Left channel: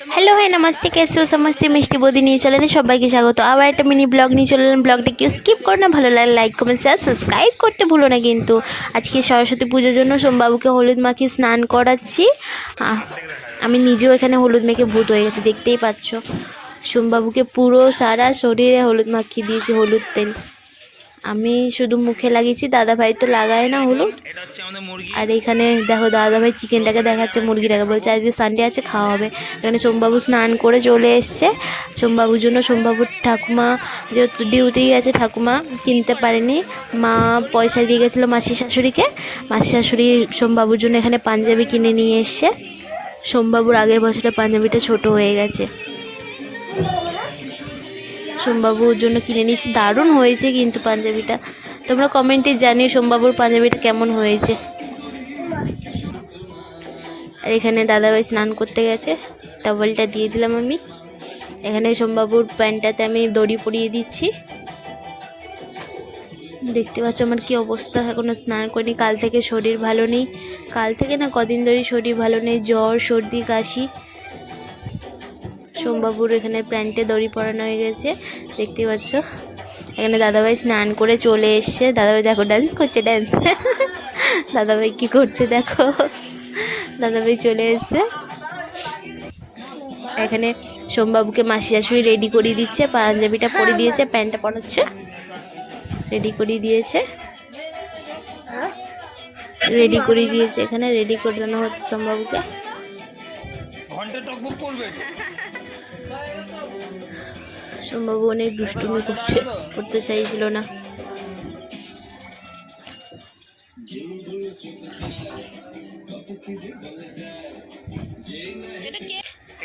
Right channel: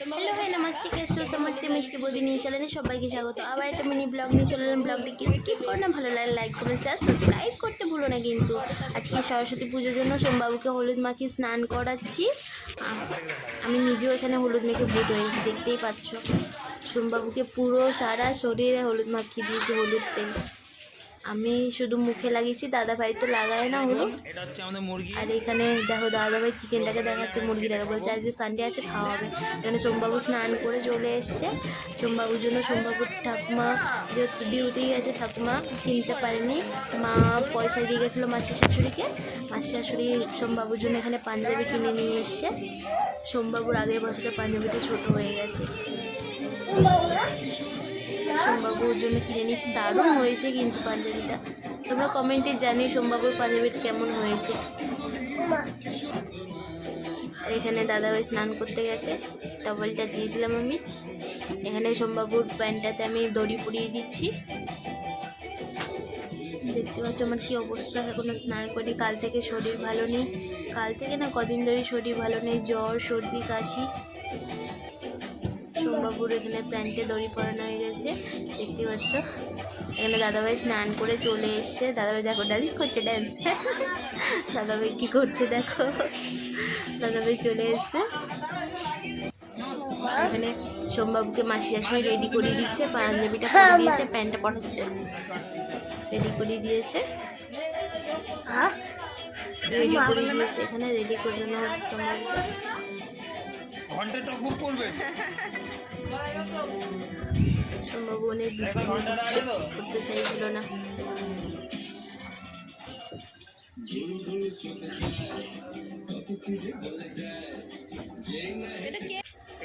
Hello है नमस्ते, कैसे हो समझते मिष्टी बोदी নিয়ে চলেন সবাইকে স্বাগত। আবার একটা মিনি ব্লগ নিয়ে চলেন। ব্লগটা কেউ স্কিপ করো না, ভালো লাগে লাইক কমেন্ট শেয়ার সাবস্ক্রাইব করতে ভুলো না কিন্তু। আজকে সরস্বতী পুজোর জন্য সোমবাবুকে হলুদ মাখিয়ে স্নান করাচ্ছি। আমি নিজেও এখানে হলুদ মেখে ভূত হয়ে গেছি, দেখতেই পাচ্ছ। সোমবাবুকে পুরো সারা শরীরে হলুদ মাখিয়ে দিয়েছি, হলুদ তেল। আমি শুধু মুখে লাগিয়েছি, দাদাভাই তো লাগায় না হলুদ। আর এখানে দেখো দাদাভাই চিকেনটাকে দেখাচ্ছে, মুরগিটাকে বলছে আজকে সানডে আছে, খাওয়া হবে। এখানে সোমবাবু স্নান করে চলে এসছে। সোমবাবুর জন্য সোমবাবুর ঠাকুমা যেহেতু ডিউটি গেছে, ঠাকুমা কিনতে পারেনি, মা পয়সা দিয়ে গেছিলো মাসি শাশুড়িকে। মাসি শাশুড়ি সোমবাবুর জন্য এখানে পাঞ্জাবি কিনে নিয়ে এসছে। সোমবাবুর আগের বছরে পাঞ্জাবিটা ছোট হয়ে গেছে, সোমবাবুর জন্য কিনে নিয়েছি। দারুণ হয়েছে কিন্তু পাঞ্জাবিটা। তোমরা কমেন্টে জানিও সোমবাবুর পাঞ্জাবিটা কেমন হয়েছে। আর এখানে দাদাভাই স্নান করতে গেছে, টাওয়েলটা দিয়ে দিলাম আমি। এখানে সোমবাবুর প্যান্টটাতে আমি দড়ি পরিয়ে দিচ্ছি। দেখতে পাচ্ছ আমার কি অবস্থা, এখনও স্নান করিনি। কাল থেকে শরীর ভালো নেই, কাল থেকে না কদিন ধরে শরীর ভালো নেই, জ্বর সর্দি কাশি। সোমবাবুর এখানে প্যান্টে দড়ি পরানো হয়ে গেছে, দেখতে পাচ্ছ। এখানে দাদাভাই স্নান করে চলে এসছে। দাদাভাই দেখো ডান্স করছে, ডান্স। দাদাভাই কি করছে দেখো, দাদাভাই চলে এসছে। এখানে সোমবাবুকে মাসি শাশুড়ি রেডি করিয়ে দিচ্ছে, পাঞ্জাবিটা পরিয়ে দিয়েছে, প্যান্টটা পরাচ্ছে, রেডি করিয়ে দিয়েছে, রেডি করিয়ে দিয়েছে। এখানে রেডি করানো হচ্ছে সোমবাবুকে। সোমবাবু অনেক দুষ্টুমি করতে চাইছিল না।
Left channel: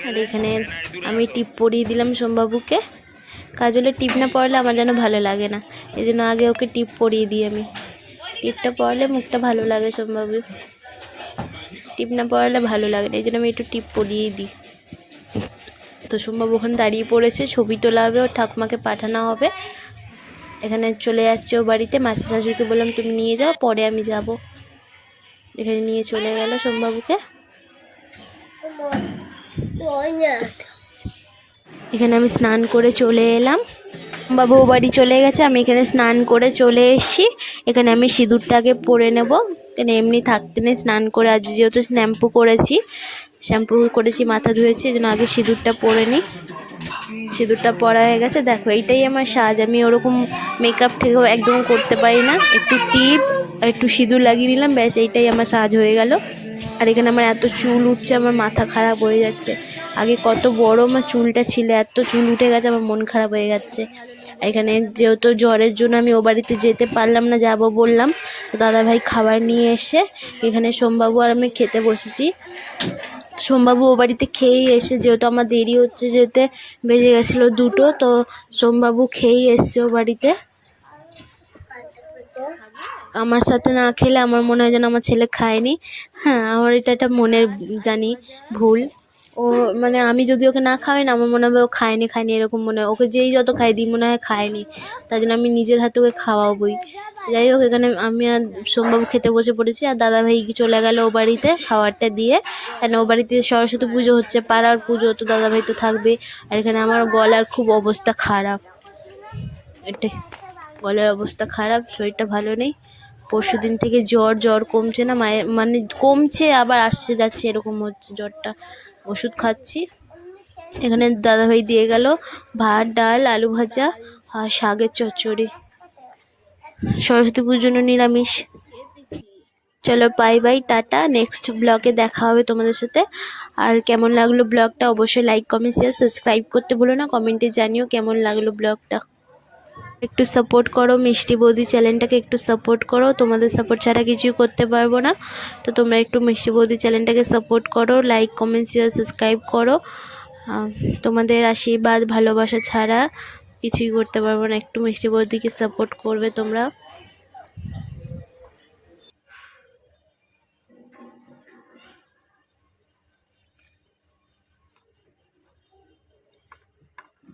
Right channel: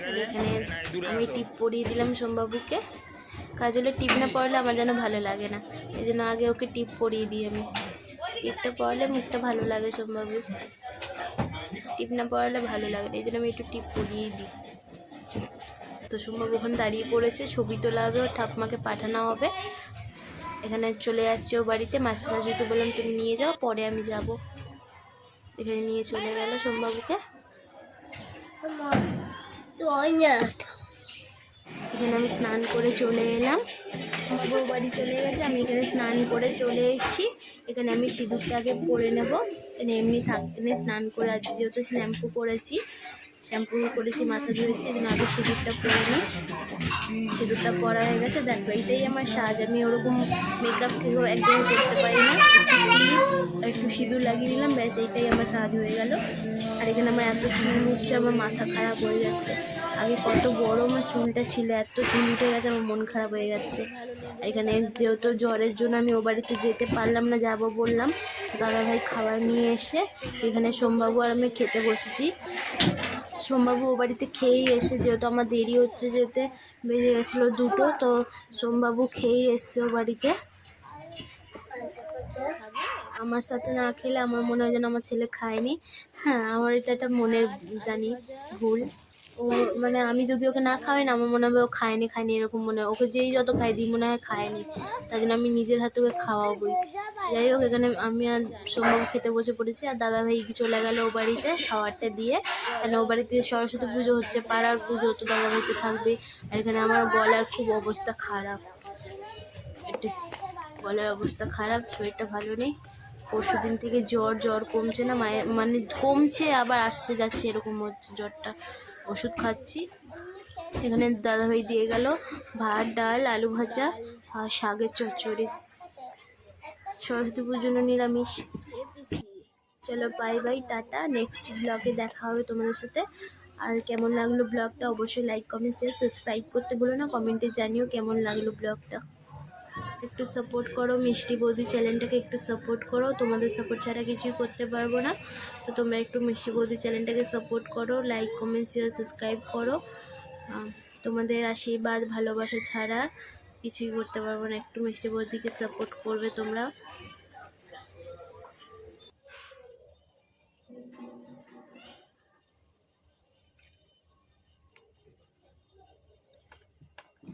আর এখানে আমি টিপ পরিয়ে দিলাম সোমবাবুকে। কাজলে টিপ না পরালে আমার যেন ভালো লাগে না, এই জন্য আগে ওকে টিপ পরিয়ে দিই আমি। টিপটা পরালে মুখটা ভালো লাগে সোমবাবুর, টিপ না পরালে ভালো লাগে না, এই জন্য আমি একটু টিপ পরিয়ে দিই। তো সোমবাবু ওখানে দাঁড়িয়ে পড়েছে, ছবি তোলা হবে, ওর ঠাকুমাকে পাঠানো হবে। এখানে চলে যাচ্ছে ও বাড়িতে। মাসি শাশুড়িকে বললাম তুমি নিয়ে যাও, পরে আমি যাব। এখানে নিয়ে চলে গেল সোমবাবুকে। এখানে আমি স্নান করে চলে এলাম, বাবু ও বাড়ি চলে গেছে, আমি এখানে স্নান করে চলে এসেছি। এখানে আমি সিঁদুরটাকে পরে নেব, এখানে এমনি থাকতে নেই। স্নান করে আজ যেহেতু শ্যাম্পু করেছি, মাথা ধুয়েছি, এই জন্য আগে সিঁদুরটা পরে নিই। সিঁদুরটা পরা হয়ে গেছে, দেখো এইটাই আমার সাজ। আমি ওরকম মেকআপ থেকেও একদম করতে পারি না, একটু টিপ আর একটু সিঁদুর লাগিয়ে নিলাম, ব্যাস এইটাই আমার সাজ হয়ে গেল। আর এখানে আমার এত চুল উঠছে, আমার মাথা খারাপ হয়ে যাচ্ছে। আগে কত বড় আমার চুলটা ছিল, এত চুল উঠে গেছে, আমার মন খারাপ হয়ে যাচ্ছে। এখানে যেহেতু জ্বরের জন্য আমি ও বাড়িতে যেতে পারলাম না, যাব বললাম, তো দাদাভাই খাবার নিয়ে এসে এখানে সোমবাবু আর আমি খেতে বসেছি। সোমবাবু ও বাড়িতে খেয়েই এসে, যেহেতু আমার দেরি হচ্ছে যেতে, বেজে গেছিলো 2টো, তো সোমবাবু খেয়েই এসছে ও বাড়িতে। আমার সাথে না খেলে আমার মনে হয় যেন আমার ছেলে খায়নি। হ্যাঁ, আমার এটা একটা মনের জানি ভুল। ও মানে আমি যদি ওকে না খাওয়াই না, আমার মনে হবে ও খায়নি এরকম মনে হয়। ওকে যেই যত খাই দিই মনে হয় খায়নি, তাই জন্য আমি নিজের হাতে ওকে খাওয়াবই। যাই হোক, এখানে আমি আর সোমবাবু খেতে বসে পড়েছি, আর দাদাভাই চলে গেল ও বাড়িতে খাবারটা দিয়ে। কেন ও বাড়িতে সরস্বতী পুজো হচ্ছে, পাড়ার পুজো, তো দাদাভাই তো থাকবে। আর এখানে আমার গলার খুব অবস্থা খারাপ, এটাই গলার অবস্থা খারাপ, শরীরটা ভালো নেই। পরশু দিন থেকে জ্বর কমছে না, মায়ের মানে কমছে আবার আসছে যাচ্ছে, এরকম হচ্ছে জ্বরটা। ওষুধ খাচ্ছি। এখানে দাদাভাই দিয়ে গেল ভাত, ডাল, আলু ভাজা আর শাকের চচ্চড়ি। সরস্বতী পুজোর জন্য নিরামিষ। চলো বাই বাই, টাটা, নেক্সট ব্লগে দেখা হবে তোমাদের সাথে। আর কেমন লাগলো ব্লগটা অবশ্যই লাইক কমেন্ট শেয়ার সাবস্ক্রাইব করতে ভুলো না, কমেন্টে জানিও কেমন লাগলো ব্লগটা। একটু সাপোর্ট করো, মিষ্টি বৌদি চ্যানেলটাকে একটু সাপোর্ট করো, তোমাদের সাপোর্ট ছাড়া কিছুই করতে পারবো না। তো তোমরা একটু মিষ্টি বৌদি চ্যানেলটাকে সাপোর্ট করো, লাইক কমেন্ট শেয়ার সাবস্ক্রাইব করো। তোমাদের আশীর্বাদ ভালোবাসা ছাড়া কিছুই করতে পারবো না, একটু মিষ্টি বৌদিকে সাপোর্ট করবে তোমরা।